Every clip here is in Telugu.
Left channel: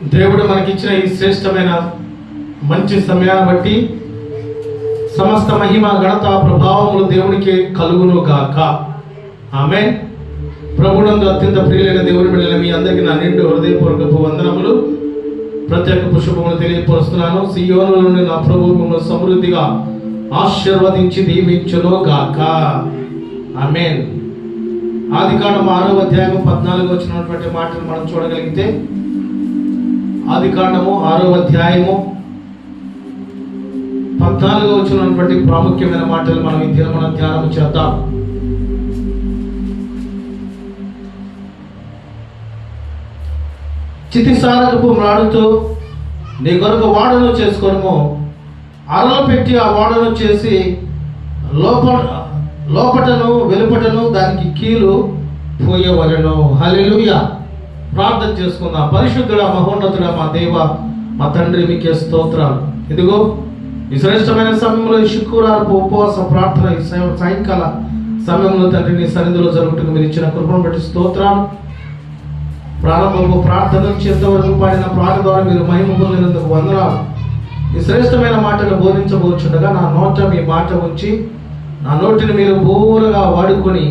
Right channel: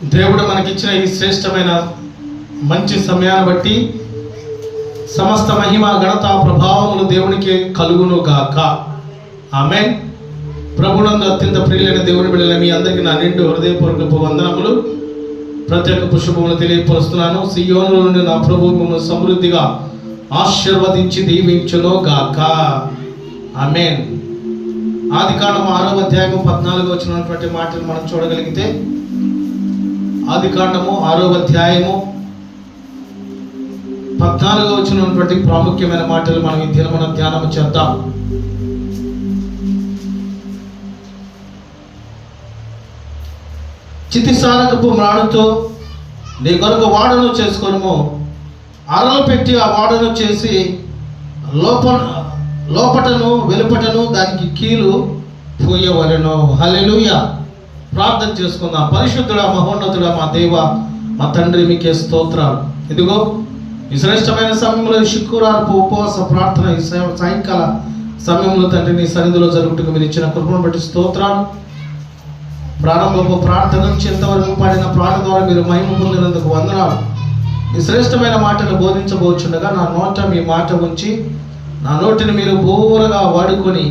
దేవుడు మనకిచ్చిన ఈ శ్రేష్టమైన మంచి సమయాన్ని బట్టి సమస్త మహిమ ఘనత ప్రభావములు దేవునికి కలుగును గాక. ఆమేన్. ప్రభునందు అత్యంత ప్రియులైన దేవుని బిడ్డలైన మీ అందరికీ నా నిండు హృదయపూర్వక వందనములు, ప్రత్యేక శుభములు తెలియపరుస్తున్నాను. సియోనులో నుండి నా ప్రభువు మిమ్మల్ని సమృద్ధిగా ఆశీర్వదించి దీవించును గాక. ఆమేన్. ఆదికాండము 6వ అధ్యాయము 14 వచ్చినటువంటి మాటలు మనం చూడగలిగితే, ఆదికాండము 6వ అధ్యాయము 14 వచ్చినటువంటి ప్రాముఖ్యమైన మాటలు మనం ఈ దినమున ధ్యానము చేద్దాం. చితిసారకపు మ్రాడుతో నీ కొరకు వాడను చేసుకొనుము, అరలు పెట్టి ఆ వాడను చేసి లోపటను వెలుపటను దానికి కీలు పూయవలెను. హల్లెలూయా. ప్రార్థన చేసుకుందాం. పరిశుద్ధుడా, మహోన్నతుడా, మా దేవ, మా తండ్రి, మీకే స్తోత్రాలు. ఇదిగో ఈ శ్రేష్టమైన సమయంలో శుక్రవారపు ఉపవాస ప్రార్థన ఈ సాయంకాల సమయంలో తండ్రి నీ సన్నిధిలో జరుగుటకు మీరు ఇచ్చిన కృపను బట్టి స్తోత్రాలు. ప్రారంభపు ప్రార్థన నుంచి ఎంతవరకు పాడిన పాట ద్వారా మీరు మహిమ పొందినందుకు వందనాలు. ఈ శ్రేష్టమైన మాటలు బోధించబోచుండగా నా నోట మీ మాట ఉంచి నా నోటిని మీరు బోరుగా వాడుకొని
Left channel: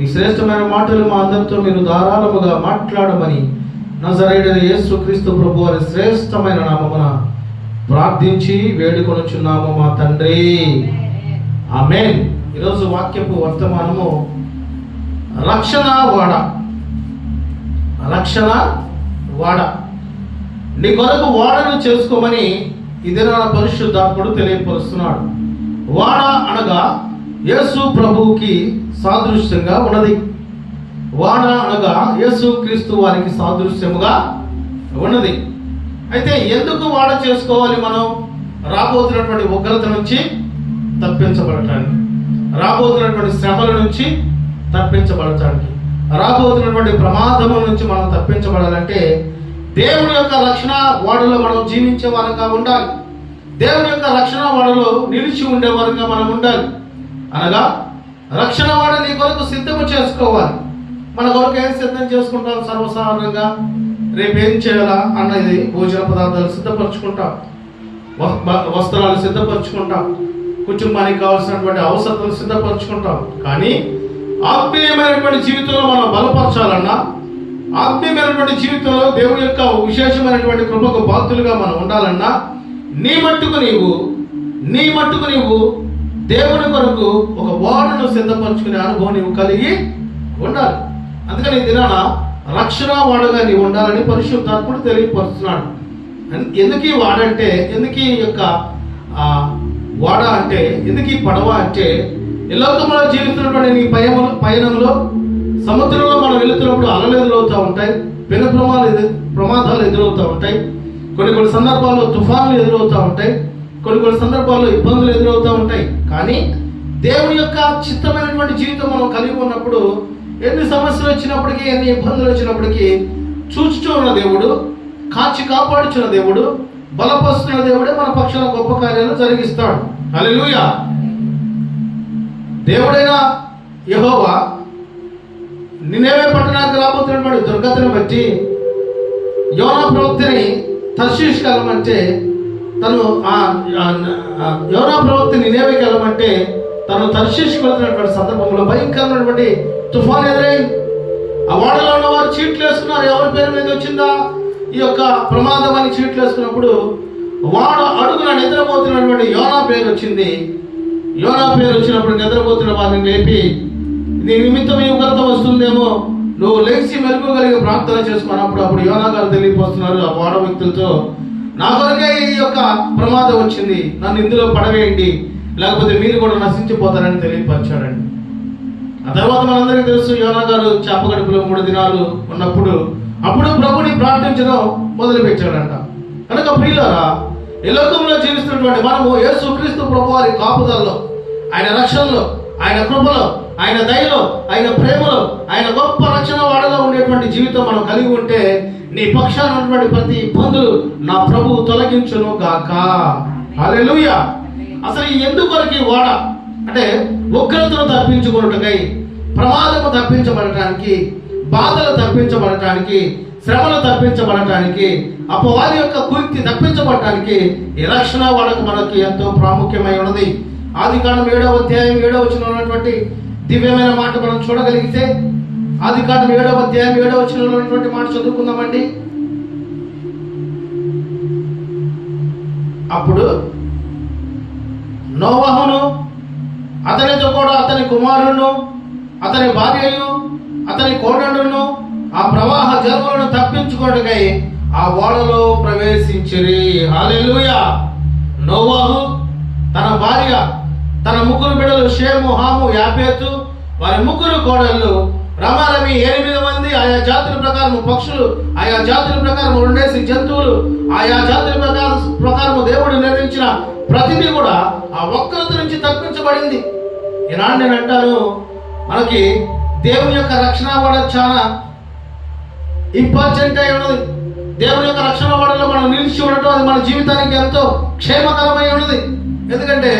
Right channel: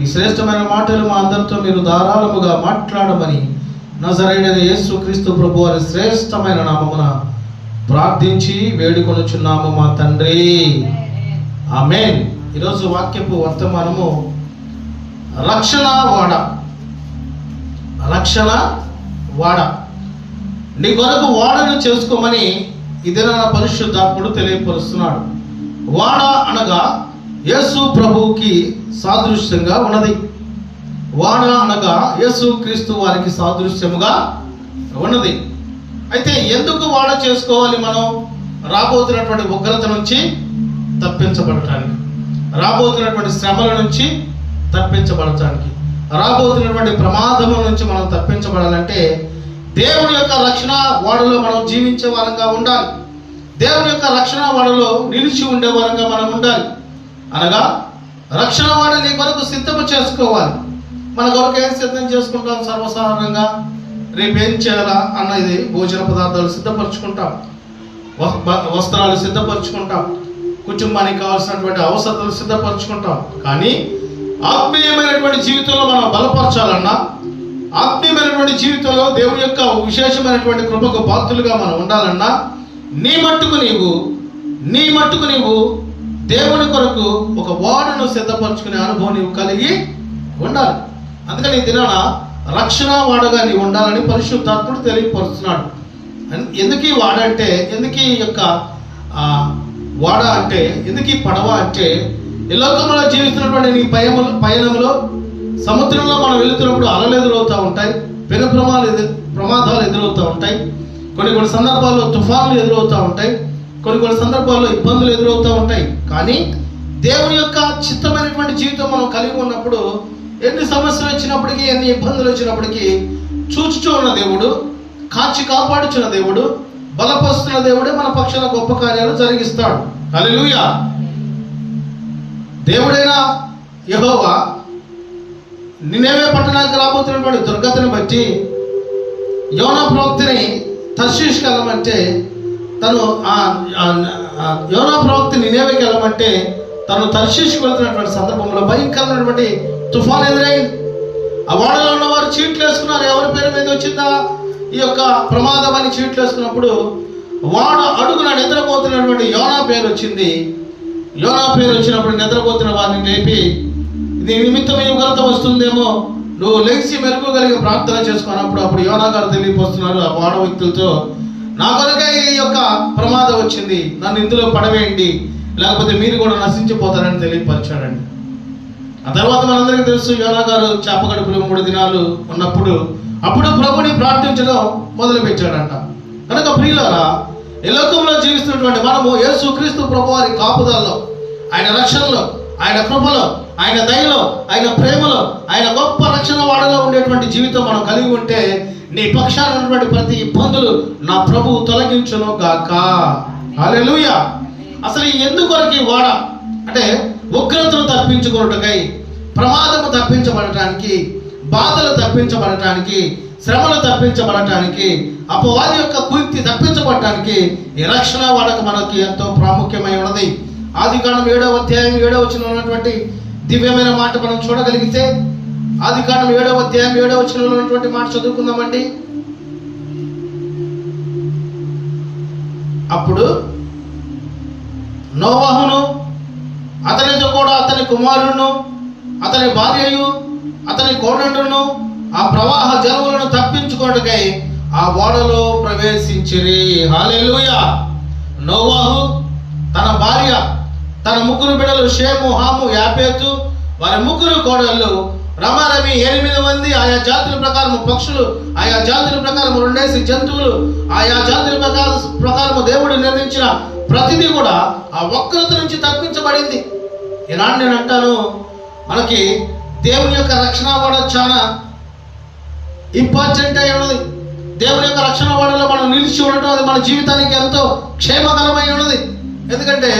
ఈ శ్రేష్టమైన మాటలు మా అందరితో మీరు ధారాళముగా మాట్లాడమని నజరేయుడైన యేసుక్రీస్తు ప్రభు వారి శ్రేష్టమైన నామమున ప్రార్థించి వేడుకొనుచున్నాము మా తండ్రి. ఆమేన్. ఈరోజు వాక్యపు వర్తమానము రక్షణ వాడ. రక్షణ వాడ. నీ కొరకు వాడను చేసుకోమని ఇదే నా పరిశుద్ధాత్ముడు తెలియపరుస్తున్నాడు. వాడ అనగా యేసు ప్రభువుకి సాదృశ్యంగా ఉన్నది. వాడ అనగా యేసు క్రీస్తు వారికి సాదృశ్యముగా ఉన్నది. అయితే ఎందుకు వాడ చేసుకోవాలి? మనం రాబోతున్నటువంటి ఉగ్రత నుంచి తప్పించబడటానికి, రాబోతున్నటువంటి శ్రమల నుంచి తప్పించబడటానికి, రాబోతున్నటువంటి ప్రమాదముల నుంచి మనం తప్పించబడాలంటే దేవుని యొక్క రక్షణ వాడలో మనం జీవించే వారంగా ఉండాలి. దేవుని యొక్క రక్షణ వాడలో నిలిచి ఉండే వారంగా మనం ఉండాలి. అనగా రక్షణ వాడ నీ కొరకు సిద్ధము చేసుకోవాలి. మన కొరకు ఏం సిద్ధం చేసుకుంటాం? సర్వసాధారణంగా రేపు ఏం చేయాలా అన్నది భోజన పదార్థాలు సిద్ధపరచుకుంటాం, వస్త్రాలు సిద్ధపరచుకుంటాం, కుటుంబానికి కావాల్సినటువంటి అవసరాలు సిద్ధపరచుకుంటాం. కానీ ఆత్మీయమైనటువంటి జీవితంలో మనం బలపరచాలన్నా, ఆత్మీయమైనటువంటి జీవితంలో దేవుని యొక్క విశేషమైనటువంటి కృపకు పాత్రులుగా మనం ఉండాలన్నా నీ మట్టుకు నీవు దేవుని కొరకు ఒక వాడను సిద్ధపరచుకునే అనుభవం నీవు కలిగి ఉండాలి. అందుకని ఈ దినాన రక్షణ వాడగా నీవు ఉండాలని పరిశుద్ధాత్ముడు తెలియపరుస్తున్నాడు. ఎందుకు ఈ వాడ అంటే, ఎందుకు ఈ యొక్క వాడ అంటే, ఎందుకు ఈ పడవ అంటే, ఈ లోకంలో జీవిస్తున్నటువంటి నీ పయనంలో సముద్రంలో మనం వెళుతున్నప్పుడు అలలు ఎదురవుతూ ఉంటాయి, పెను ప్రమాదాలు ఎదురవుతూ ఉంటాయి, కొన్ని సందర్భాల్లో తుఫానులు ఎదురవుతూ ఉంటాయి, కొన్ని సందర్భాల్లో ఇబ్బందులు ఎదురవుతూ ఉంటాయి. కానీ దేవుని యొక్క చిత్తమైనటువంటి జీవితం మనం కలిగి ఉన్నప్పుడు ఎన్ని సమస్యలు వచ్చినప్పటికీ, ఎన్ని ఇబ్బందులు వచ్చినప్పటికీ చూచుచూ ఉన్న దేవుడు, కాచి కాపాడుచున్న దేవుడు, బలపరుస్తున్న దేవుడే మన పక్షాన గొప్ప కార్యాలు జరిగిస్తాడు. హల్లెలూయా. దేవుడైన యెహోవా నినెవే పట్టణానికి రాబోతున్నటువంటి దుర్గతిని బట్టి యోనా ప్రవక్తని తర్షీష్కి వెళ్ళమంటే యోనా ప్రవక్త నినెవేకి వెళ్ళమంటే తను తర్షీష్కి వెళ్తున్నటువంటి సందర్భంలో భయంకరమైనటువంటి తుఫాన్ ఎదురైంది. ఆ వాడలో ఉన్న వారు చీట్లు వేసుకున్నారు. ఎవరి పేరు మీద వచ్చిందా ఈ యొక్క ప్రమాదం అని చీట్లు వేసుకున్నప్పుడు వాడ అడుగున నిద్రపోతున్నటువంటి యోనా పేరు వచ్చింది. యోనా పేరు వచ్చినప్పుడు నిద్రపోతున్న వారిని లేపి, నీ నిమిత్తం ఈ ఉగ్రత వస్తుందేమో, నువ్వు లేచి మెరుగుగలిగి ప్రార్థన చేసుకున్నప్పుడు అప్పుడు యోనా గారు తెలియపోతున్నారు ఆ వాడ వ్యక్తులతో, నా కొరకే ఈ యొక్క ప్రమాదం వచ్చింది, నన్ను ఇందులో పడవేయండి, లేకపోతే మీరు కూడా నశించిపోతారని తెలియపరిచాడండి. ఆ తర్వాత మనందరికీ తెలుసు, యోనా గారు చేపగడుపులో 3 దినాలు ఉన్నప్పుడు అప్పుడు ప్రభుని ప్రార్థించడం మొదలుపెట్టాడంట. కనుక ప్రియులారా, ఈ లోకంలో జీవిస్తున్నటువంటి మనము యేసుక్రీస్తు ప్రభు వారి కాపుదల్లో, ఆయన రక్షణలో, ఆయన కృపలో, ఆయన దయలో, ఆయన ప్రేమలో, ఆయన గొప్ప రక్షణ వాడలో ఉండేటువంటి జీవితం మనం కలిగి ఉంటే నీ పక్షాన ఉన్నటువంటి ప్రతి ఇబ్బందులు నా ప్రభువు తొలగించును గాక. హల్లెలూయా. అసలు ఎందుకొరకు వాడ అంటే ఉగ్రతను తప్పించుకున్నట్టుకై, ప్రమాదము తప్పించబడటానికి, బాధలు తప్పించబడటానికి, శ్రమలు తప్పించబడటానికి, అపవాది యొక్క కుయుక్తి తప్పించబడటానికి ఈ రక్షణ వాడకు మనకి ఎంతో ప్రాముఖ్యమై ఉన్నది. ఆదికాండం 7వ అధ్యాయం 7వ వచనంలో ఉన్నటువంటి దివ్యమైన మాట మనం చూడగలిగితే, ఆదికాండం 7వ అధ్యాయం 7వ వచనంలో ఉన్నటువంటి మాట చదువుకుందామండి. అప్పుడు నోవహును అతనితో కూడా అతని కుమారుడును అతని భార్యయు అతని కోడళ్ళను ఆ ప్రవాహ జలములను తప్పించుకోవడానికై ఆ ఓడలో ప్రవేశించిరి. హల్లెలూయా. నోవహు, తన భార్య, తన ముగ్గురు బిడ్డలు షేము, హాము, యాపేతు, వారి ముగ్గురు కోడళ్ళు, రమారమి 8 మంది, ఆయా జాతుల ప్రకారం పక్షులు, ఆయా జాతుల ప్రకారం 2 జంతువులు, ఆయా జాతుల ప్రకారం దేవుడు నిర్మించిన ప్రతిదీ కూడా ఆ వక్రత నుంచి తప్పించబడింది. ఈనాడు నేను అంటాను, మనకి దేవుని యొక్క రక్షణ కూడా చాలా ఇంపార్టెంట్ అయి ఉన్నది. దేవుని యొక్క రక్షణ వాడలో మనం నిలిచి ఉండటం అది మన జీవితానికి ఎంతో క్షేమకరమై ఉన్నది. ఎందుకంటే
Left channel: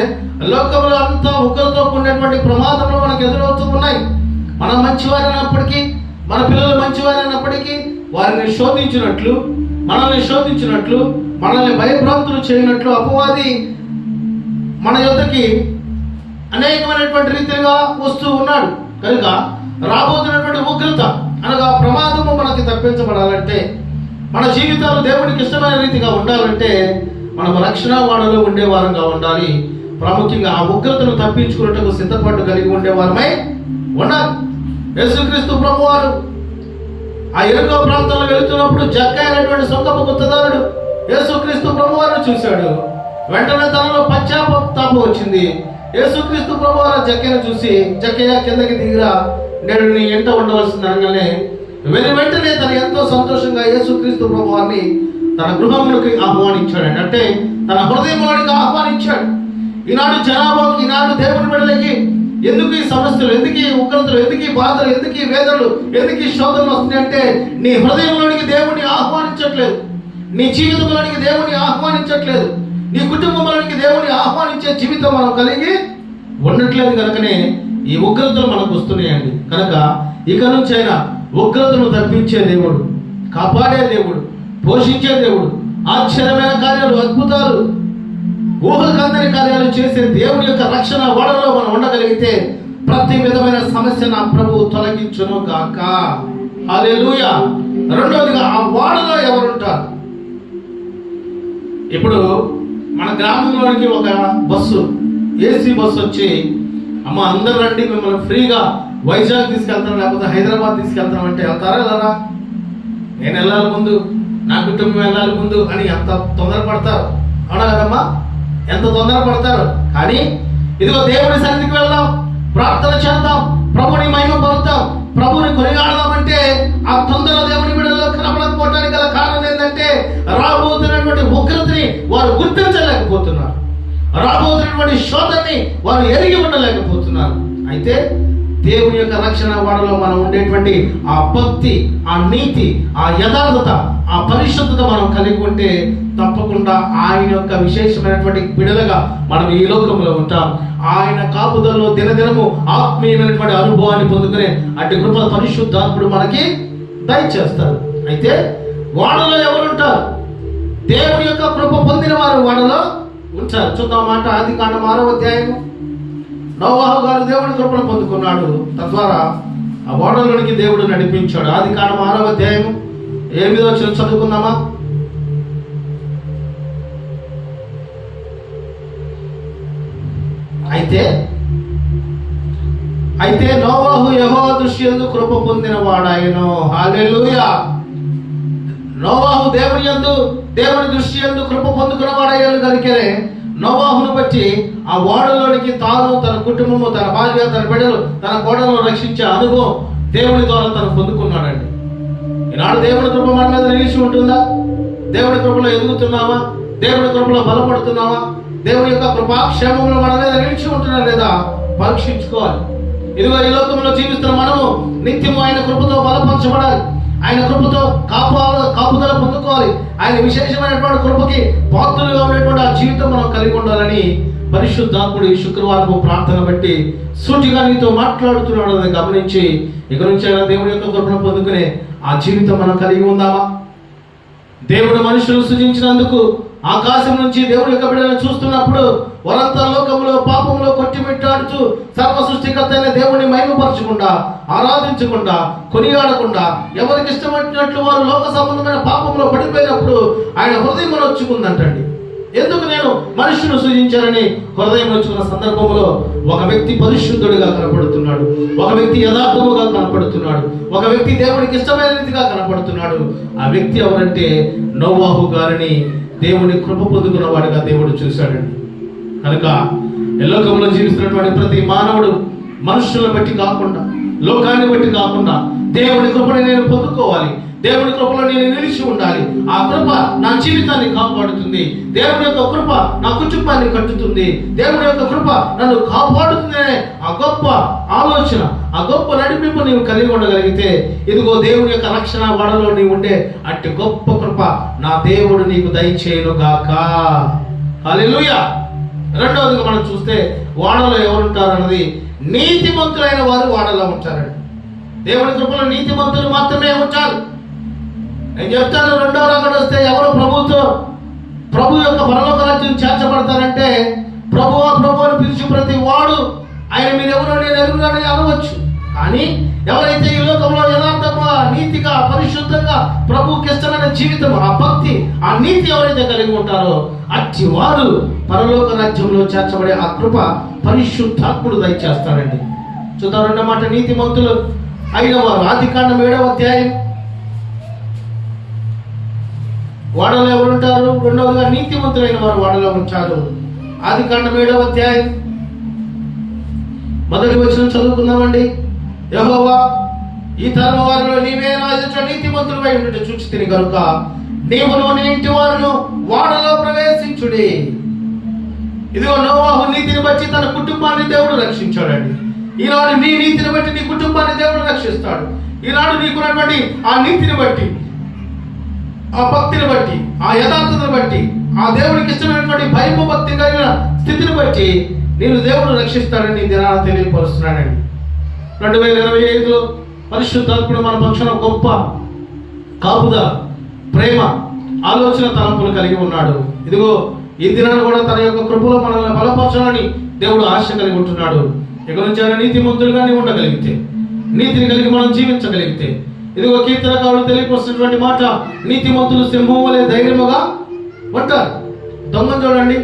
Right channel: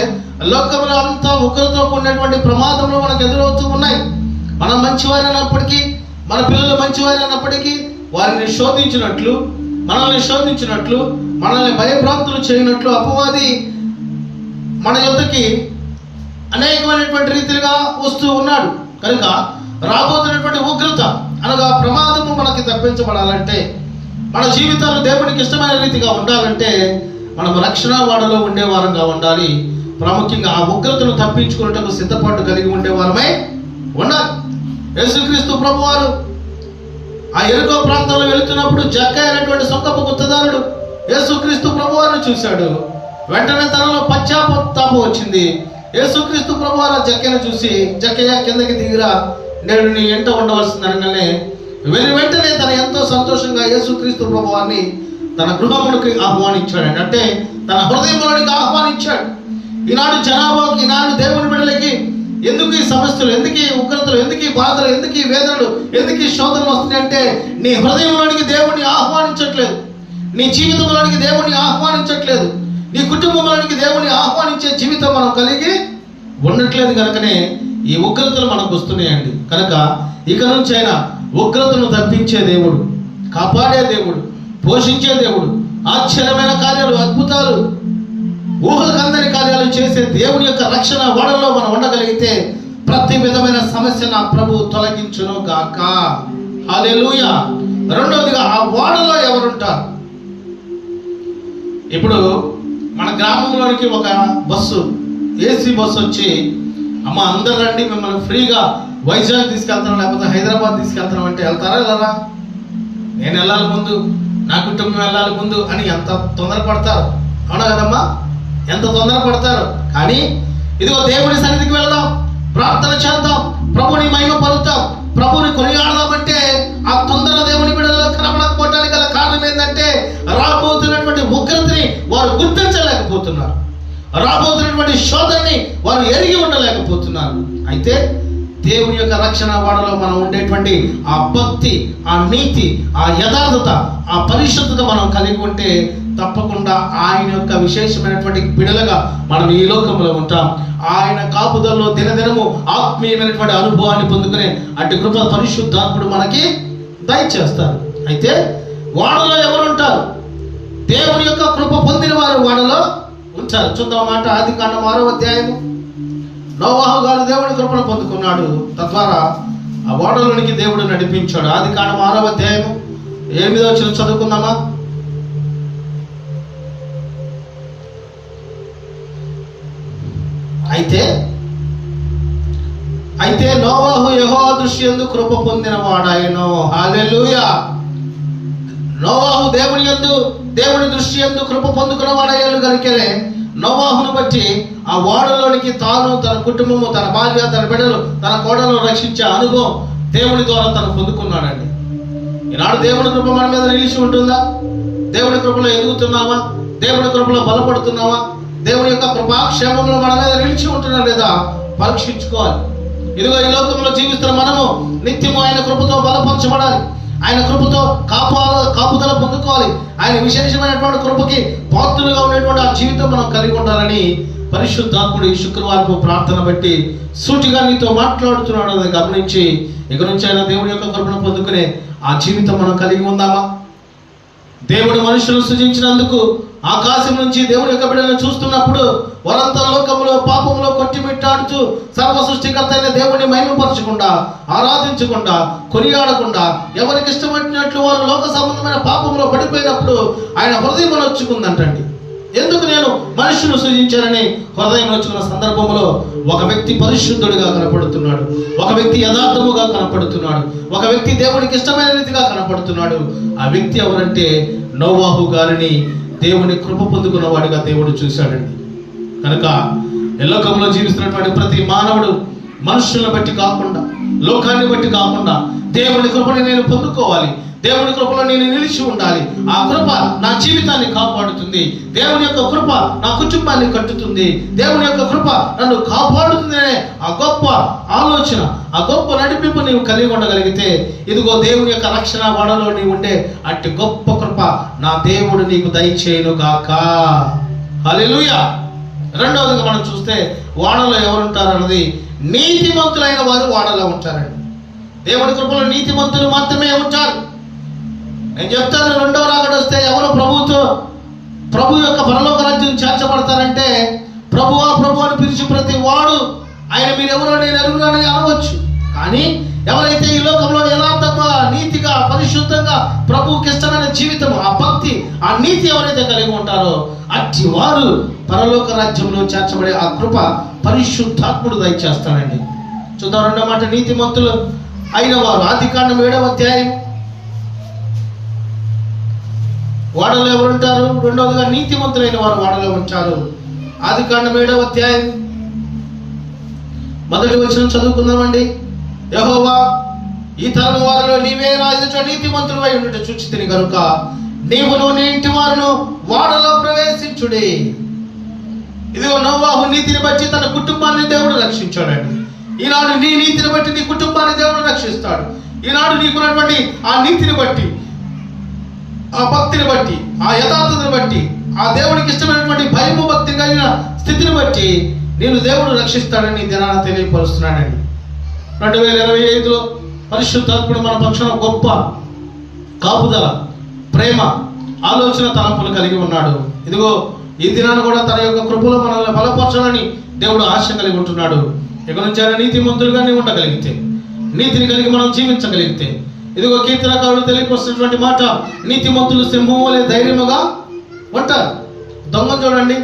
లోకంలో అంతా ఉగ్రతో కూడినటువంటి ప్రమాదంలో మనకు ఎదురవుతూ ఉన్నాయి. మనం మంచివారైనప్పటికీ, మన పిల్లలు మంచివారైనప్పటికీ వారిని శోధించినట్లు, మనల్ని శోధించినట్లు, మనల్ని భయభ్రాంతులు చేయనట్లు అపవాది మన యొద్దకి అనేకమైనటువంటి రీతిగా వస్తూ ఉన్నాడు. కనుక రాబోతున్నటువంటి ఉగ్రత అనగా ప్రమాదము మనకి తప్పించబడాలంటే, మన జీవితాలు దేవునికి ఇష్టమైన రీతిగా ఉండాలంటే మనం రక్షణ వాడలో ఉండేవారంగా ఉండాలి. ప్రాముఖ్యంగా ఆ ఉగ్రతను తప్పించుకున్నట్టుకు సిద్ధపాటు కలిగి ఉండేవారమై ఉండాలి. యేసుక్రీస్తు ప్రభువారు ఆ ఎరుకో ప్రాంతంలో వెళుతున్నప్పుడు జక్కయ్య అనేటువంటి సొంగపు గుత్తదారుడు యేసుక్రీస్తు ప్రభువారిని చూశాడు. వెంటనే తనలో పశ్చాత్తాపం వచ్చింది. యేసుక్రీస్తు ప్రభువారు జక్కయ్యను చూసి, జక్కయ్య కిందకి దిగిరా, నేను నీ ఎంట ఉండవలసింది అనగానే వెంటనే తను ఎంతో సంతోషంగా యేసుక్రీస్తు ప్రభువారిని తన గృహమునికి ఆహ్వానించాడు. అంటే తన హృదయంలోనికి ఆహ్వానించాడు. ఈనాడు జనాభాకి, ఈనాడు దేవుని బిడ్డలకి ఎందుకు ఈ సమస్యలు, ఎందుకు ఈ ఉగ్రతలు, ఎందుకు ఈ బాధలు, ఎందుకు ఈ వేదనలు, ఎందుకు ఈ శోధనలు వస్తున్నాయి అంటే నీ హృదయంలోనికి దేవుణ్ణి ఆహ్వానించట్లేదు, నీ జీవితంలోనికి దేవుణ్ణి ఆహ్వానించట్లేదు, నీ కుటుంబంలోనికి దేవుణ్ణి ఆహ్వానించే జీవితం మనం కలిగి ఉండట్లేదు. కనుకనే ఈ ఉగ్రతలు మనకు వస్తున్నాయండి. కనుక ఇక నుంచి అయినా ఉగ్రతను తప్పించే దేవుడు, కాపాడే దేవుడు, పోషించే దేవుడు, ఆశ్చర్యమైన కార్యాలు, అద్భుతాలు, ఊహకందని కార్యాలు చేసే దేవుని యొక్క రక్షణ వాడలో మనం ఉండగలిగితే ప్రతి విధమైన సమస్య నా ప్రభు తొలగించును గాక. హల్లెలూయా. రెండవదిగా ఆ వాడలో ఎవరుంటారు? ఇప్పుడు మన గ్రామంలోనికి ఒక బస్సు, ఏసీ బస్సు వచ్చి, అమ్మ అందరూ రండి, మిమ్మల్ని ఫ్రీగా వైజాగ్ తీసుకెళ్తాం, లేకపోతే హైదరాబాద్ తీసుకెళ్తాం అంటే వెళ్తారా వెళ్ళరా? నేను వెళ్ళాలి ముందు, నా కుటుంబం వెళ్ళాలి ముందు అని ఎంత తొందరపడతారు, అవునా కదమ్మా? ఎంత తొందరపడతారు. కానీ ఇదిగో దేవుని సన్నిధికి వెళ్దాం, ప్రార్థన చేద్దాం, ప్రభుని మహిమ పలుకుతాం, ప్రభుని కొనియాడదామంటే ఆ తొందర దేవుని బిడ్డల్లో కనబడకపోవడానికి గల కారణం ఏంటంటే రాబోతున్నటువంటి ఉగ్రతని వారు గుర్తించలేకపోతున్నారు, రాబోతున్నటువంటి శోధనని వారు ఎరిగి ఉండలేకపోతున్నారు. అయితే దేవుని యొక్క రక్షణ వాడలో మనం ఉండేటువంటి ఆ భక్తి, ఆ నీతి, ఆ యథార్థత, ఆ పరిశుద్ధత మనం కలిగి ఉంటే తప్పకుండా ఆయన యొక్క విశేషమైనటువంటి బిడలుగా మనం ఈ లోకంలో ఉంటాం. ఆయన కాపుదలలో దినదినము ఆత్మీయమైనటువంటి అనుభవాన్ని పొందుకునే అటు కృప పరిశుద్ధాత్ముడు మనకి దయచేస్తారు. అయితే వాడలో ఎవరు ఉంటారు? దేవుని యొక్క కృప పొందిన వారు వాడలో ఉంటారు. చూద్దాం మాట. ఆదికాండం 6వ అధ్యాయము. నోవహు గారు దేవుని కృపను పొందుకున్నాడు, తద్వారా ఆ ఓడలోనికి దేవుడు నడిపించాడు. ఆదికాండం 6వ అధ్యాయము 8వ వచనం చదువుకుందామా? అయితే నోవహు యెహోవా దృష్టియందు కృప పొందిన వాడాయను. హల్లెలూయా. నోవహు దేవుని దృష్టి యందు కృప పొందుకున్న వాడయ్యాను కనుకనే నోవహును బట్టి ఆ ఓడలోనికి తాను, తన కుటుంబము, తన భార్య, తన బిడ్డలు, తన కోడలను రక్షించే అనుభవం దేవుని ద్వారా తను పొందుకున్నాడండి. ఈనాడు దేవుని కృప మన మీద నిలిచి ఉంటుందా? దేవుని కృపలో ఎదుగుతున్నామా? దేవుని కృపలో బలపడుతున్నామా? దేవుని యొక్క కృపాక్షేమంలో మన మీద నిలిచి ఉంటున్నా లేదా పరీక్షించుకోవాలి. ఇదిగో ఈ లోకంలో జీవిస్తున్న మనము నిత్యము ఆయన కృపతో బలపరచబడాలి, ఆయన కృపతో కాపుదల పొందుకోవాలి, ఆయన విశేషమైనటువంటి కృపకి పాత్రులుగా ఉండేటువంటి ఆ జీవితం మనం కలిగి ఉండాలని పరిశుద్ధాత్ముడు ఈ శుక్రవారపు ప్రార్థన బట్టి సూటిగా నీతో మాట్లాడుతున్నాడు అని గమనించి ఇక నుంచి అయినా దేవుడి యొక్క కృపను పొందుకునే ఆ జీవితం మనం కలిగి ఉందామా? దేవుడు మనుషులు సృజించినందుకు ఆకాశం నుంచి దేవుని యొక్క బిడ్డలను చూస్తున్నప్పుడు వారంతా లోకంలో పాపంలో కొట్టిమిట్టాడుతూ సర్వ సృష్టికర్త అయిన దేవుడిని మహిమపరచకుండా, ఆరాధించకుండా, కొనియాడకుండా, ఎవరికి ఇష్టపడినట్లు వారు లోక సంబంధమైన పాపంలో పడిపోయినప్పుడు ఆయన హృదయం నొచ్చుకుందంటండి. ఎందుకు నేను మనుషులు సృజించానని హృదయం నొచ్చుకున్న సందర్భంలో ఒక వ్యక్తి పరిశుద్ధుడిగా కనపడుతున్నాడు, ఒక వ్యక్తి యథార్థముగా కనపడుతున్నాడు, ఒక వ్యక్తి దేవుడికి ఇష్టమైన రీతిగా కనపడుతున్నాడు. ఆ వ్యక్తి ఎవరంటే నోవాహు గారిని దేవుని కృప పొందుకున్న వాడిగా దేవుడు చూశాడండి. కనుక లోకంలో జీవిస్తున్నటువంటి ప్రతి మానవుడు మనుషులను బట్టి కాకుండా, లోకాన్ని బట్టి కాకుండా దేవుని కృపను నేను పొందుకోవాలి, దేవుని కృపలో నేను నిలిచి ఉండాలి. ఆ కృప నా జీవితాన్ని కాపాడుతుంది, దేవుని యొక్క కృప నా కుటుంబాన్ని కట్టుతుంది, దేవుని యొక్క కృప నన్ను కాపాడుతుంది అనే ఆ గొప్ప ఆలోచన, ఆ గొప్ప నడిపింపు నీవు కలిగి ఉండగలిగితే, ఇదిగో దేవుని యొక్క రక్షణ వాడలో నీవు ఉండే అట్టి గొప్ప కృప నా దేవుడు నీకు దయచేయునుగాక. హల్లెలూయా. రెండవదిగా మనం చూస్తే వాడలో ఎవరుంటారు అన్నది, నీతిమంతులైన వారు వాడలో ఉంటారండి. దేవుని కృపలో నీతిమంతులు మాత్రమే ఉంటారు. నేను చెప్తాను, రెండవ రాకడ వస్తే ఎవరు ప్రభు యొక్క పరలోక రాజ్యం చేర్చబడతారంటే, ప్రభువా ప్రభు అని పిలిచి ప్రతి వాడు ఆయన మీరు ఎవరో నేను ఎరుగునని అనవచ్చు. కానీ ఎవరైతే ఈ లోకంలో యథార్థంగా, నీతిగా, పరిశుద్ధంగా ప్రభువుకి ఇష్టమైన జీవితం, ఆ భక్తి, ఆ నీతి ఎవరైతే కలిగి ఉంటారో అట్టి వారు పరలోక రాజ్యంలో చేర్చబడే ఆ కృప పరిశుద్ధాత్ముడు దయచేస్తాడండి. చూద్దాం రెండో మాట, నీతిమంతులు అయిన వారు. ఆదికాండం 7వ అధ్యాయం. వాడలో ఎవరుంటారు? రెండవదిగా నీతిమంతులైన వారు వాడలో ఉంటారు. ఆదికాండం 7వ అధ్యాయం 1వ వచనం చదువుకుందామండి. యెహోవా, ఈ తరం వారిలో నీవే నా ఎదుట నీతిమంతుడవై ఉండుట చూచితిని కనుక నీవును నీ ఇంటి వారును వాడలో ప్రవేశించుడి. ఇదిగో నోవాహు నీతిని బట్టి తన కుటుంబాన్ని దేవుడు రక్షించాడండి. ఈనాడు నీ నీతిని బట్టి నీ కుటుంబాన్ని దేవుడు రక్షిస్తాడు. ఈనాడు నీకున్నటువంటి ఆ నీతిని బట్టి, ఆ భక్తిని బట్టి, ఆ యథార్థతను బట్టి, ఆ దేవుడికి ఇష్టమైనటువంటి భయము భక్తి కలిగిన స్థితిని బట్టి నేను దేవుడు రక్షిస్తాడని దినాన తెలియపరుస్తున్నాడండి. 2025లో పరిశుద్ధాత్ముడు మన పక్షాన గొప్ప కాపుదల, ప్రేమ, ఆలోచన, తలంపులు కలిగి ఉన్నాడు. ఇదిగో ఈ దినాన్ని కూడా తన యొక్క కృపలో మనల్ని బలపరచాలని దేవుడు ఆశ కలిగి ఉంటున్నాడు. ఇక నుంచి ఆయన నీతిమంతులుగానే ఉండగలిగితే, నీతిని కలిగి మనం జీవించగలిగితే, ఇదిగో కీర్తనకారుడు తెలియపరుస్తున్నటువంటి మాట, నీతిమంతులు సింహం వలె ధైర్యముగా ఉంటారు. దొంగను చూడండి,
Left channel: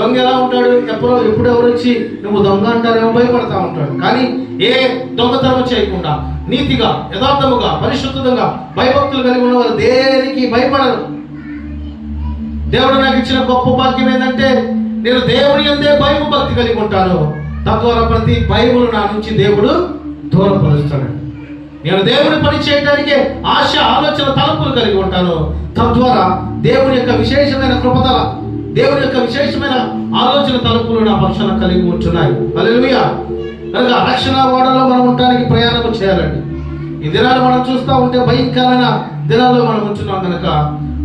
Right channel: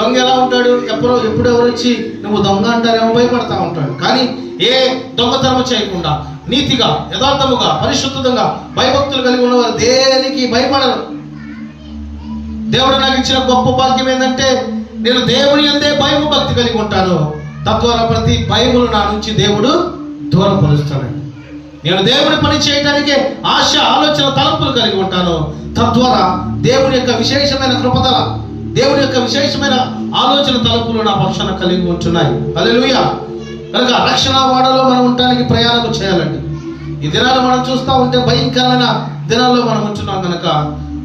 దొంగ ఎలా ఉంటాడు? ఎప్పుడు ఎవరు వచ్చి నువ్వు దొంగ అంటారేమో భయపడతా ఉంటాడు. కానీ ఏ దొంగతనం చేయకుండా నీతిగా, యథార్థముగా, పరిశుద్ధంగా భయభక్తులు కలిగి ఉన్నవారు దేనికి భయపడరు. దేవుడు నాకు ఇచ్చిన గొప్ప భాగ్యం ఏంటంటే, నేను దేవుని యందే భయము భక్తి కలిగి ఉంటాను. తద్వారా ప్రతి భయమును నా నుంచి దేవుడు దూరపరుస్తాడు. నేను దేవుని పని చేయడానికి ఆశ, ఆలోచన, తలంపులు కలిగి ఉంటాను. తద్వారా దేవుని యొక్క విశేషమైన కృపదల, దేవుని యొక్క విశేషమైన ఆలోచన, తలంపులు నా పక్షాన కలిగి ఉంటున్నాయి. హల్లెలూయా. కనుక రక్షణ వాడలో మనం ఉండడానికి ప్రయాణం చేయాలండి. ఈ దినాలు మనం చూస్తూ ఉంటే భయంకరమైన దినాల్లో మనం ఉంటున్నాం. కనుక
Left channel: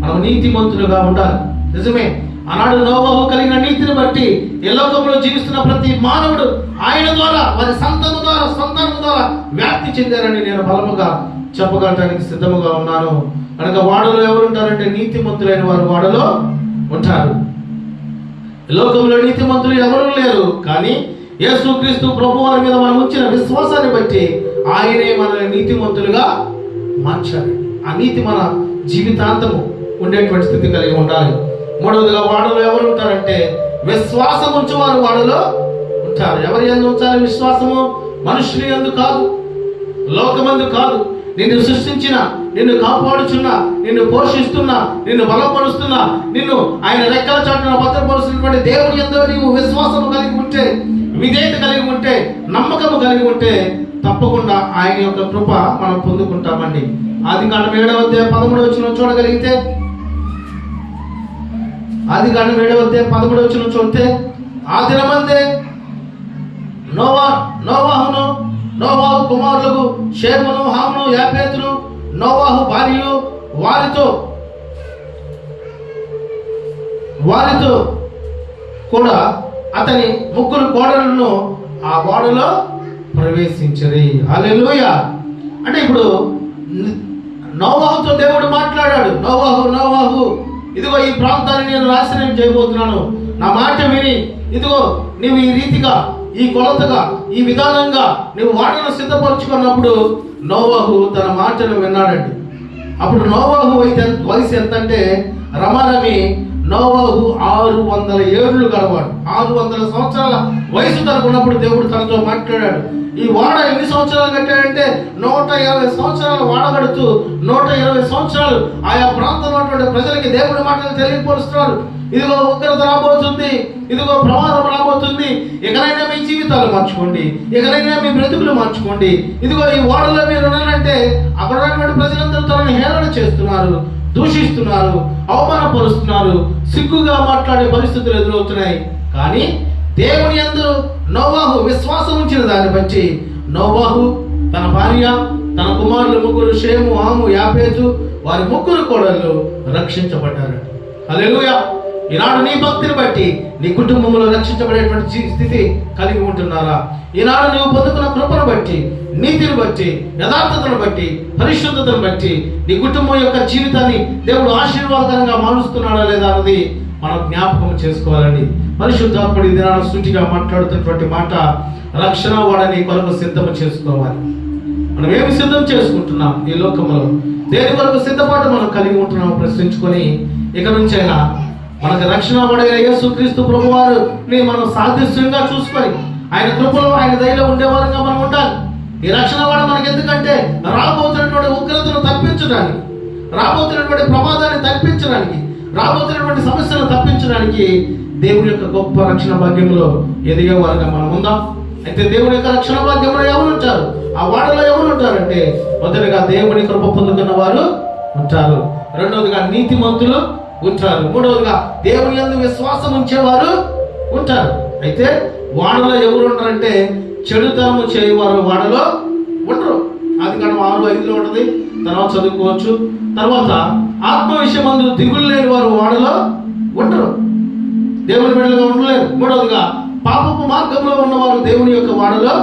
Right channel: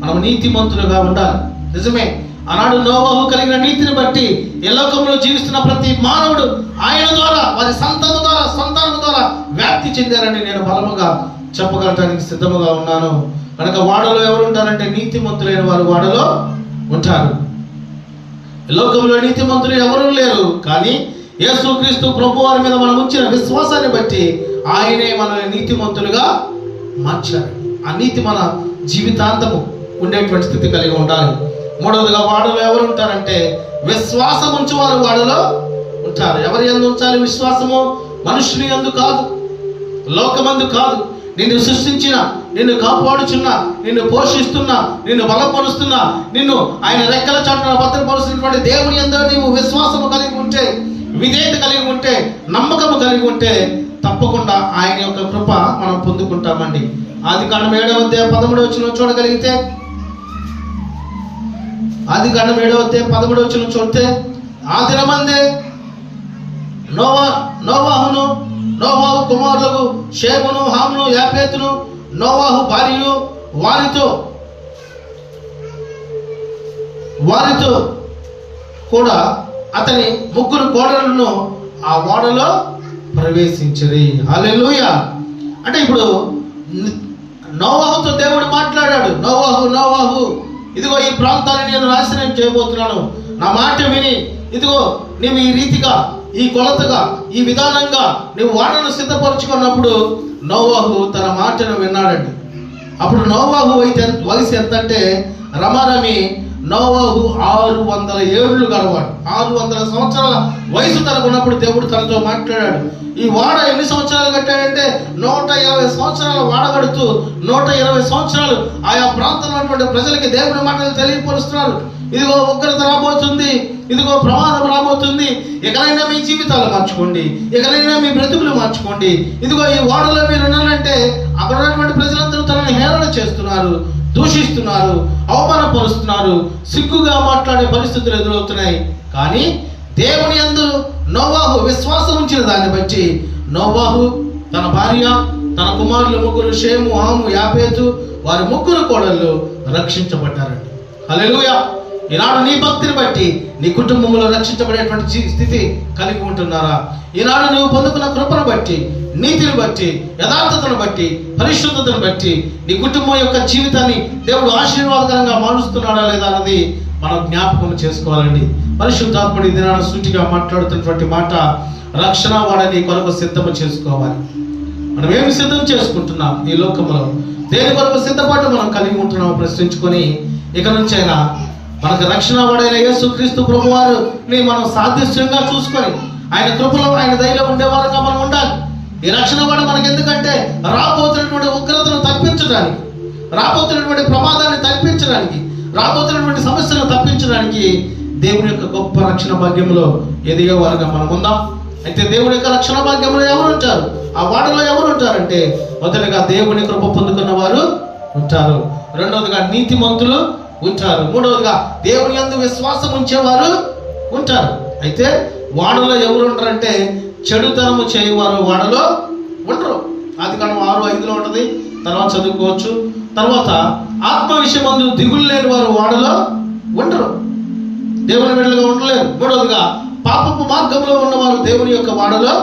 మనం నీతిమంతులుగా ఉండాలి. నిజమే, ఆనాడు నోవాహు కలిగిన నీతిని బట్టి ఈ లోకంలో జీవిస్తున్న ప్రతి మానవుడు ఆయన ద్వారా, వారి సంతానం ద్వారా వ్యాప్తి చెందారని నేను బలముగా చెప్పగలటానికి సిద్ధముగా ఉన్నాను. కనుక వాడలో ఎవరు ఉంటారంటే నీతిమంతులైన వారు వాడలో ఉంటారు. లోకంలో నీతిమంతులు ఎవరూ లేరు. కానీ యేసుక్రీస్తు ప్రభు వారి మీద మనం ఉంచిన విశ్వాసాన్ని బట్టి ఆయనే మనల్ని నీతిమంతులుగా మార్చారు. ఆ నీతి మన జీవితాంతము ఉండేటువంటి స్థితి కలిగి ఉండాలి. మూడవదిగా వాడలో ఎవరు ఉంటారంటే విశ్వాసం ఉంచేవారు వాడలో ఉంటారు. ఎవరి యందు ఉంచాలి విశ్వాసము? మనుషుని యందు కాదు, లోకమందు కాదు. నిన్ను సృష్టించిన, నిన్ను కాపాడుచున్న, నిన్ను పోషిస్తున్న, నిన్ను బలపరుస్తున్న, నిన్ను ఆయన రెక్కల చాటున భద్రపరుస్తున్నటువంటి దేవుని యందు నీవు విశ్వాసము కలిగి ఉంటే, విధేయత కలిగి ఉంటే, నమ్మకము కలిగి ఉంటే తప్పకుండా ఆయన యొక్క కృప మనం పొందుకుంటామండి. ఆదికాండం 7వ అధ్యాయం 13వ వచనం చూడగలిగితే, ఆదికాండం 7వ అధ్యాయం 13వ వచనం చూస్తే, ఆ దినమందే నోవాహు కుమారులకు షేమును, హామును, యాపేతును, నోవాహు భార్యలు వారితో కూడా అతని 3 కోడలను ఆ ఓడలో ప్రవేశించరి. హల్లెలూయా. అంటే ఇప్పుడు నోవాహుతో దేవుడు మాట్లాడాడు, నోవాహు ఇదిగో ఈ ప్రాంతాన్ని నేను నాశనం చేయబోతున్నాను, నా మాట విని ఇదిగో నీవు ఈ రీతిగా, ఈ కొలతగా, ఈ విధానంగా నువ్వు వాడను సిద్ధపరచుకున్నప్పుడు నోవాహు తన మాటను విన్నాడండి. అప్పుడు నోవాహు వయసు ఎంత అంటే రమారమి నోవాహు 600 ఏళ్ళు గలవాడు. 600 సంవత్సరాల వయసు తనకున్నప్పుడు దేవుడు తనతో మాట్లాడాడు. ఈ వాడ ఎన్ని సంవత్సరాలు కట్టాడంటే 120 సంవత్సరాలు వాడ కడుతూ 120 సంవత్సరాలు ఆయా ప్రాంతంలో ఉన్నటువంటి ప్రజలకి దేవుడి మాటలు తెలియపరుస్తున్నాడు. ఇదిగో ఉగ్రత రాబోతుంది, ఇదిగో ప్రమాదం రాబోతుంది, ఎక్కడైనా మీ జీవితాలు మార్చుకోండి, ఎక్కడైనా మీ బ్రతుకులు మార్చుకోండి. ఇదిగో ఈ వాడలో మీరు ఉన్నారంటే అక్కడ ఉన్నటువంటి ప్రజలందరూ తనని హేళన చేస్తున్నారు, దూషిస్తున్నారు, అవమానపరుస్తున్నారు, సిగ్గుగా మాట్లాడే పరిస్థితులు ఎదురవుతున్నాయి. కానీ దేవుని యందు నోవాహు విశ్వాసం ఉంచిన దాన్ని బట్టి నోవాహు, తన భార్య, తన కుమారులు 3 షేము, హాము, యాపేతు, వారి 3 కోడళ్ళు రక్షించబడ్డారు. హల్లెలూయా. ఈనాడు నీ భక్తిని బట్టి నీ కుటుంబంలో రక్షించబడేటువంటి స్థితి కలిగి ఉంటున్నారా? ఈనాడు నువ్వు పొందుకున్న కృపను బట్టి, నీతిని బట్టి, యథార్థతను బట్టి, పరిశుద్ధతను బట్టి నీ కుటుంబం యొక్క జీవితాన్ని దేవుడు ఆశీర్వాదకరంగా మారుస్తున్నాడా లేదా అన్నది మనం జ్ఞాపకం చేసుకోవాలండి. పరిశుద్ధాత్ముడి దినాన సూటిగా మాట్లాడుతున్నటువంటి మాట, రక్షణ వాడని కొరకు సిద్ధం చేసుకోవాలి. మనం ఏమి సిద్ధం చేసుకుంటున్నాం ఈ లోకంలో? దేని కొరకు సిద్ధపాటు మనం కలిగి ఉంటున్నాం ప్రశ్నించుకొని ఇక నుంచి అయినా మనకు రక్షణ వాడైన యేసుక్రీస్తు ప్రభువారిని మనం సాదృశ్యంగా చూసుకొని ఆయన కృపలో, ఆయన దయలో ఉండేవారుగా మనం ఉండాలి. ఈ రక్షణ వాడు మనకి ఎందుకంటే రాబోతున్నటువంటి ఉగ్రతను తప్పించడానికి, రాబోతున్నటువంటి ప్రమాదాన్ని తప్పించడానికి, రాబోతున్నటువంటి సమస్యలను తప్పించడానికి దేవుని యొక్క గొప్ప రక్షణ భాగ్యంలో ఎదిగే వారుగా మనం ఉందాం. అయితే దేవుని యొక్క రక్షణ భాగ్యంలో ఎవరు ఉంటారు? ఆ వాడలో ఎవరు ఉంటారంటే మొదటిగా దేవుని కృప పొందుకున్న వారు ఉంటారు, రెండవదిగా నీతిమంతులు ఉంటారు, మూడవదిగా దేవుని యందు విశ్వాసం ఉంచేవారు ఉంటారు. అయితే వాడలో ఎవరు ఉంటారంటే చెడుతనము చేయవారు వాడలో ఉండరు. ఆదికాండం 6:5 ఉంటుంది, తర్వాత చదువుకోవచ్చు. తర్వాత ఆత్మ విషయమందు దిగులు లేని వారు వాడలో ఉండరు, దేవుని బిడ్డలుగా ఉండలేరు. మూడవదిగా పాపపు మార్గంలో ఉన్నవారు దేవుని యొక్క వాడలో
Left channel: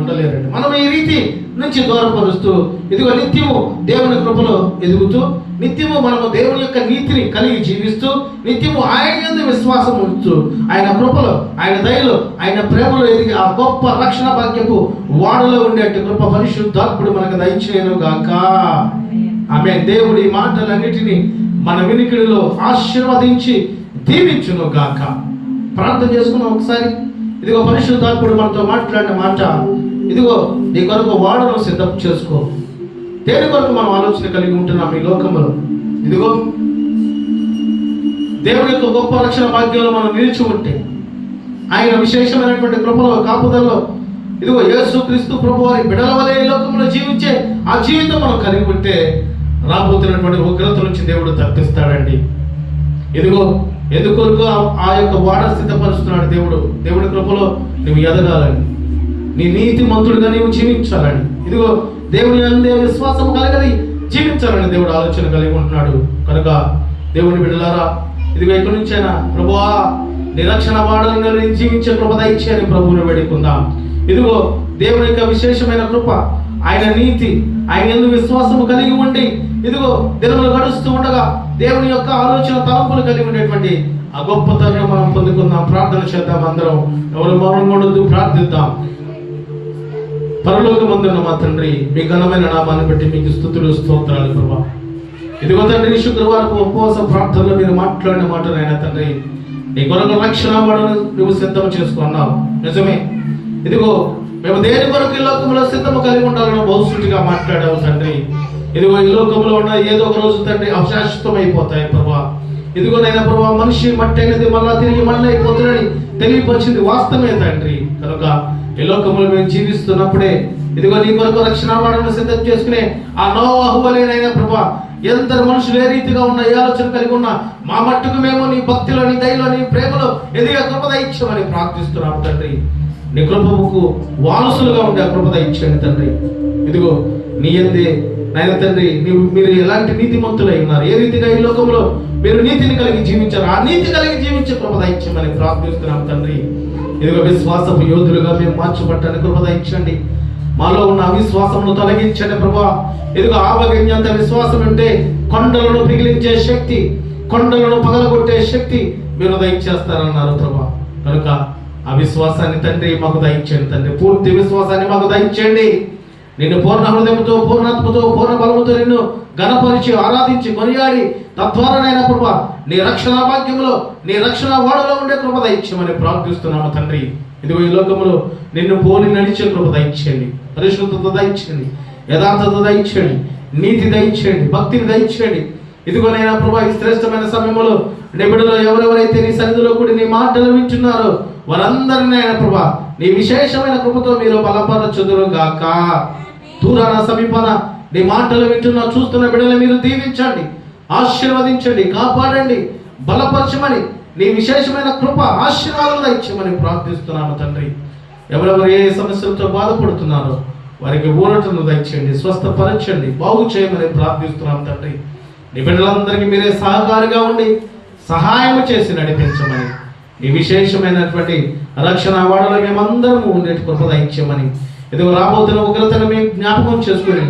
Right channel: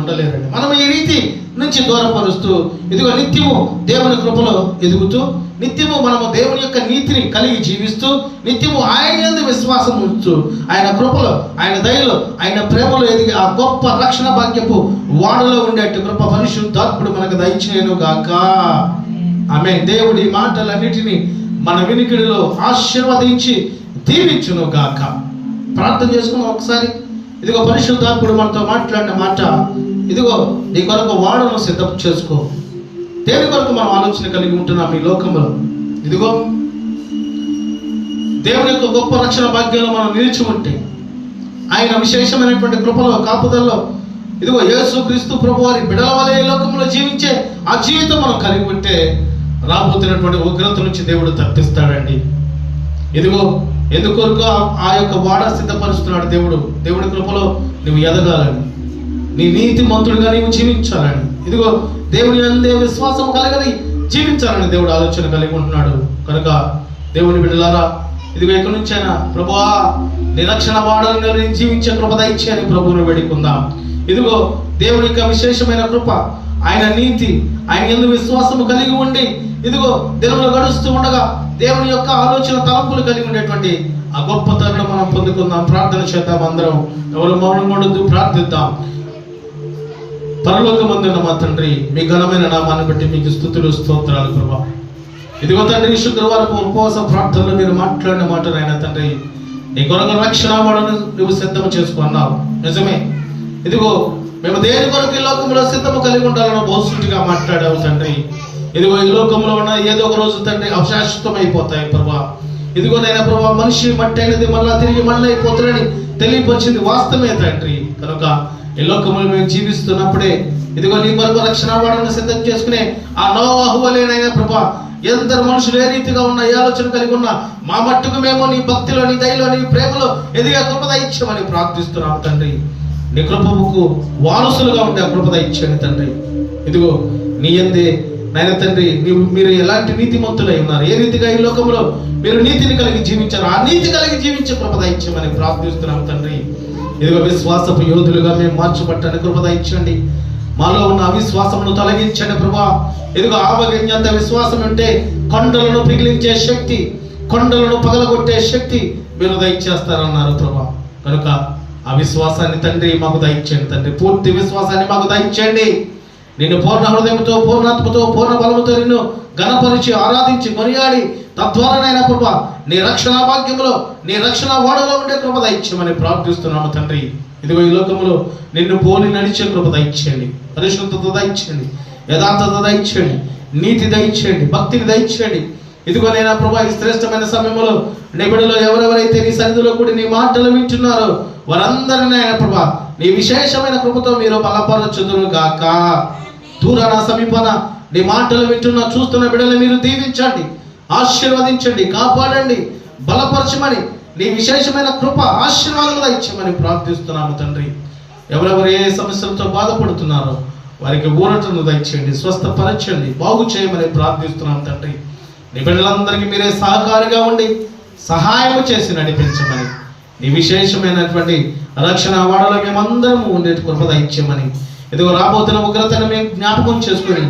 ఉండలేరండి. మనం ఈ రీతి నుంచి దూరపరుస్తూ ఇదిగో నిత్యము దేవుని కృపలో ఎదుగుతూ, నిత్యము మనము దేవుని యొక్క నీతిని కలిగి జీవిస్తూ, నిత్యము ఆయన యందు విశ్వాసం ఉంచుతూ, ఆయన కృపలో, ఆయన దయలో, ఆయన ప్రేమలో ఎదిగి ఆ గొప్ప రక్షణ భాగ్యపు వాడలో ఉండేట్టు కృప పరిశుద్ధాత్ముడు మనకు దయచేయను గాక. ఆమేన్. దేవుడి మాటలన్నిటినీ మన వినికిడిలో ఆశీర్వదించి దీవించును గాక. ప్రార్థన చేసుకున్నాం ఒకసారి. ఇదిగో పరిశుద్ధాత్ముడు మనతో మాట్లాడిన మాట, ఇదిగో నీ కొరకు వాడను సిద్ధం చేసుకో. దేని కొరకు మనం ఆలోచన కలిగి ఉంటున్నాం ఈ లోకంలో? ఇదిగో దేవుని యొక్క గొప్ప రక్షణ భాగ్యంలో మనం నిలిచి ఉంటే, ఆయన విశేషమైనటువంటి కృపలో, కాపుదల్లో, ఇదిగో యేసుక్రీస్తు ప్రభువారి బిడల వలె ఈ లోకంలో జీవించే ఆ జీవితం మనం కలిగి ఉంటే రాబోతున్నటువంటి ఉగ్రత నుంచి దేవుడు తప్పిస్తాడండి. ఇదిగో ఎందుకొరకు ఆ యొక్క వాడ సిద్ధపరుస్తున్నాడు దేవుడు. దేవుడి కృపలో నువ్వు ఎదగాలని, నీ నీతి మంతుడిగా నీవు జీవించాలని, ఇదిగో దేవుని అందే విశ్వాసం కలగలి జీవించాలని దేవుడు ఆలోచన కలిగి ఉంటున్నాడు. కనుక దేవుని బిడ్డలారా, ఇదిగో ఇక్కడి నుంచైనా ప్రభువా నిరక్షణ వాడలను నేను జీవించే కృప దయచేయని ప్రభువును వేడుకుందాం. ఇదిగో దేవుని యొక్క విశేషమైన కృప, ఆయన నీతి, ఆయన యందు విశ్వాసము కలిగి ఉండి, ఇదిగో దినములు గడుస్తూ ఉండగా దేవుని యొక్క ఆలోచన తలంపులు కలిగి ఉండేటువంటి ఆ గొప్ప తరుణం మనం పొందుకుందాం. ప్రార్థన చేద్దాం. అందరం ఎవరు మౌనం ఉండొద్దు, ప్రార్థిద్దాం. పరలోకమందున్న మా తండ్రి, మీ ఘనమైన నామాన్ని బట్టి మీకు స్తుతులు, స్తోత్రాలు ప్రభా. ఇదిగో తండ్రి, శుక్రవారపు ఉపవాస ప్రార్థనలో మీరు మాట్లాడిన మాట నాయన తండ్రి, నీ కొరకు రక్షణ వాడను నువ్వు సిద్ధం చేసుకున్నావు. నిజమే. ఇదిగో మేము దేని కొరకు ఈ లోకంలో సిద్ధము కలిగి ఉండాలని బహుసూటిగా మాట్లాడావు తండ్రి. ఇదిగో ఈ లోకంలో ఉన్న ఏదో ఒక రోజు తండ్రి అశాశ్వతమైపోతాయి ప్రభా. ఇదిగో నైనా ప్రభా, మనిషి మట్టి అనేది మళ్ళా తిరిగి మళ్ళీ అయిపోతుందని తెలియపరిచింది వాస్తవమే తండ్రి. కనుక ఈ లోకంలో మేము జీవిస్తున్నప్పుడే ఇదిగో నీ కొరకు రక్షణ వాడను సిద్ధం చేసుకునే ఆ నోవాహు వలెనైనా ప్రభా, ఎందరు మనుషులు ఏ రీతిగా ఉన్న, ఏ ఆలోచన కలిగి ఉన్నా మా మట్టుకు మేము నీ భక్తిలో, నీ దయలో, నీ ప్రేమలో ఎదిగే కృప దయచేయమని ప్రార్థిస్తున్నాం తండ్రి. నీ కృపకు వారసులుగా ఉండే ఆ కృప దయచేయండి తండ్రి. ఇదిగో నీ యందే నాయన తండ్రి, మీరు ఎలాంటి నీతిమంతులై ఉన్నారు, ఏ రీతిగా ఈ లోకంలో మీరు నీతిని కలిగి జీవించారు, ఆ నీతి కలిగి జీవించే కృప దయచేయమని ప్రార్థిస్తున్నాం తండ్రి. ఇదిగో విశ్వాసపు యోధులుగా మేము మార్చబట్టాలని కృప దయచేయండి. మాలో ఉన్న అవిశ్వాసమును తొలగించండి ప్రభా. ఇదిగో ఆవగింజంత విశ్వాసం ఉంటే కొండలను పిగిలించే శక్తి, కొండలను పగలగొట్టే శక్తి మీరు దయచేస్తారన్నారు ప్రభా. కనుక ఆ విశ్వాసాన్ని తండ్రి మాకు దయచేయండి తండ్రి. పూర్తి విశ్వాసాన్ని మాకు దయచేయండి. నిన్ను పూర్ణ హృదయంతో, పూర్ణాత్మతో, పూర్ణ బలముతో నిన్ను గణపరిచి ఆరాధించి కొనియాడి తద్వారానైనా ప్రభా నీ రక్షణ భాగ్యంలో, నీ రక్షణ వాడలో ఉండే కృప దయచేయమని ప్రార్థిస్తున్నాము తండ్రి. ఇదిగో ఈ లోకంలో నిన్ను పోలి నడిచే కృప దయచేయండి, పరిశుద్ధత దయచేయండి, యథార్థత దయచేయండి, నీతి దయచేయండి, భక్తిని దయచేయండి. ఇదిగోనైనా ప్రభా ఈ శ్రేష్టమైన సమయంలో నీ బిడ్డలు ఎవరెవరైతే నీ సన్నిధిలో కూడి నీ మాటలు వింటున్నారో వారందరినీ ఆయన ప్రభా నీ విశేషమైన కృపతో మీరు బలపరచుదురు గాక. దూరాన సమీపాన నీ మాటలు వింటున్న చూస్తున్న బిడ్డలు మీరు దీవించండి, ఆశీర్వదించండి, కాపాడండి, బలపరచమని నీ విశేషమైన కృప ఆశీర్వాదాలు ఇచ్చమని ప్రార్థిస్తున్నాము తండ్రి. ఎవరెవరు ఏ సమస్యలతో బాధపడుతున్నారో వారికి ఊరటను దయచేయండి, స్వస్థపరచండి, బాగు చేయమని ప్రార్థిస్తున్నాము తండ్రి. నీ బిడ్డలందరికీ మీరే సహకారిగా ఉండి సహాయం చేసి నడిపించమని, నీ విశేషమైనటువంటి రక్షణ వాడలో మేమందరము ఉండేటి కృప దయచేయమని, ఇదిగో రాబోతున్న ఉగ్రతను మేము జ్ఞాపకం చేసుకుని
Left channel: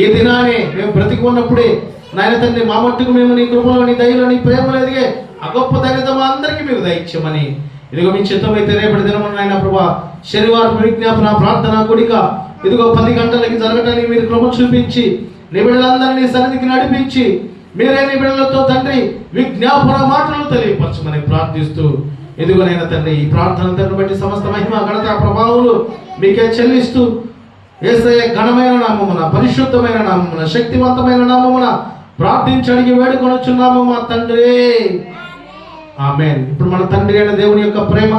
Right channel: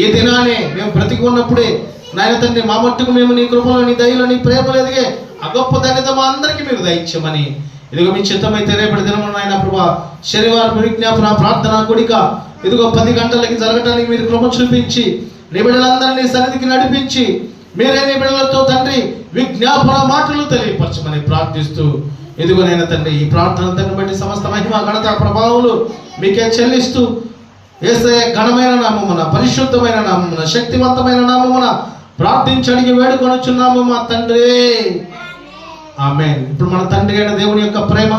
ఈ దినానే మేము బ్రతికి ఉన్నప్పుడే నాయన తండ్రి మా మట్టుకు మేము నీ కృపలో, నీ దయలో, నీ ప్రేమలో ఎదిగే ఆ గొప్ప ధన్యత మా అందరికీ మీరు దయచేయమని, ఇదిగో మీ చిత్తమైతే రేపటి దినమున నాయన ప్రభా శనివారం విజ్ఞాపన ప్రార్థన కూడిక ఇదిగో 10 గంటలకి జరగడానికి మీరు కృప చూపించి నీ బిడ్డలందరినీ సన్నిధికి నడిపించి మీరే నీ బిడ్డలతో తండ్రి విజ్ఞాపన మాటలు తెలియపరచమని ప్రార్థిస్తూ, ఇదిగోనైనా తండ్రి ఈ ప్రార్థనలను బట్టి సమస్త మహిమ ఘనత ప్రభావాలు మీకే చెల్లిస్తూ యేసయ్య ఘనమైన నామమున, పరిశుద్ధమైన నామమున, శక్తివంతమైన నామమున ప్రార్థించి అడిగి వేడుకొనుచున్నాము మా తండ్రి, ఆమేన్. ఇప్పుడు మన తండ్రి అయిన దేవుని యొక్క ప్రేమ,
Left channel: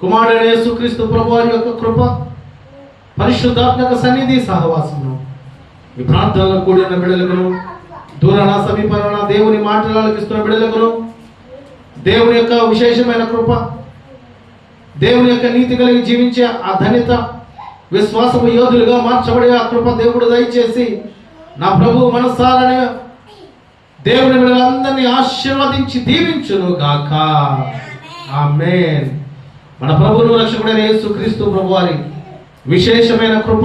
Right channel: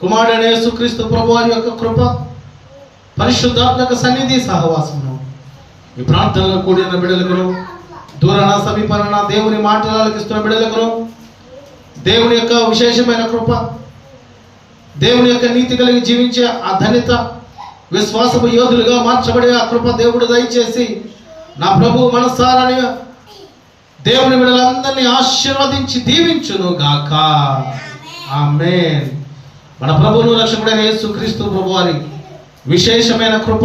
కుమారుడైన యేసుక్రీస్తు ప్రభువారి యొక్క కృప, పరిశుద్ధాత్మక సన్నిధి సహవాసము ఈ ప్రార్థనలో కూడిన బిడ్డలకును, దూరాన సమీపాన దేవుని మాటలు ఆలకిస్తున్న బిడ్డలకును దేవుని యొక్క విశేషమైన కృప, దేవుని యొక్క నీతి కలిగి జీవించే ఆ ధన్యత, విశ్వాసపు యోధులుగా మార్చబడే ఆ కృప దేవుడు దయచేసి నా ప్రభు మనసారని దేవుని బిడ్డలందరినీ ఆశీర్వదించి దీవించును గాక. ఆమేన్. మన ప్రభువును రక్షకుడైన యేసుక్రీస్తు ప్రభువారి విశేషమైన కృప,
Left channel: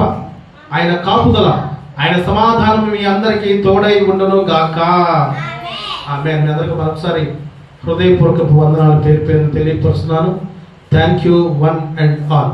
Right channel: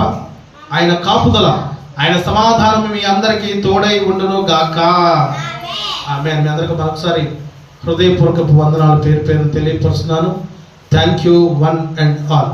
ఆయన కాపుదల, ఆయన సమాధానం మీ అందరికీ తోడై ఉండును గాక. ఆమేన్. మీ అందరికీ మరొకసారి హృదయపూర్వక వందనాలు పేరు పేరు తెలియపరుస్తున్నాను. Thank you one and all.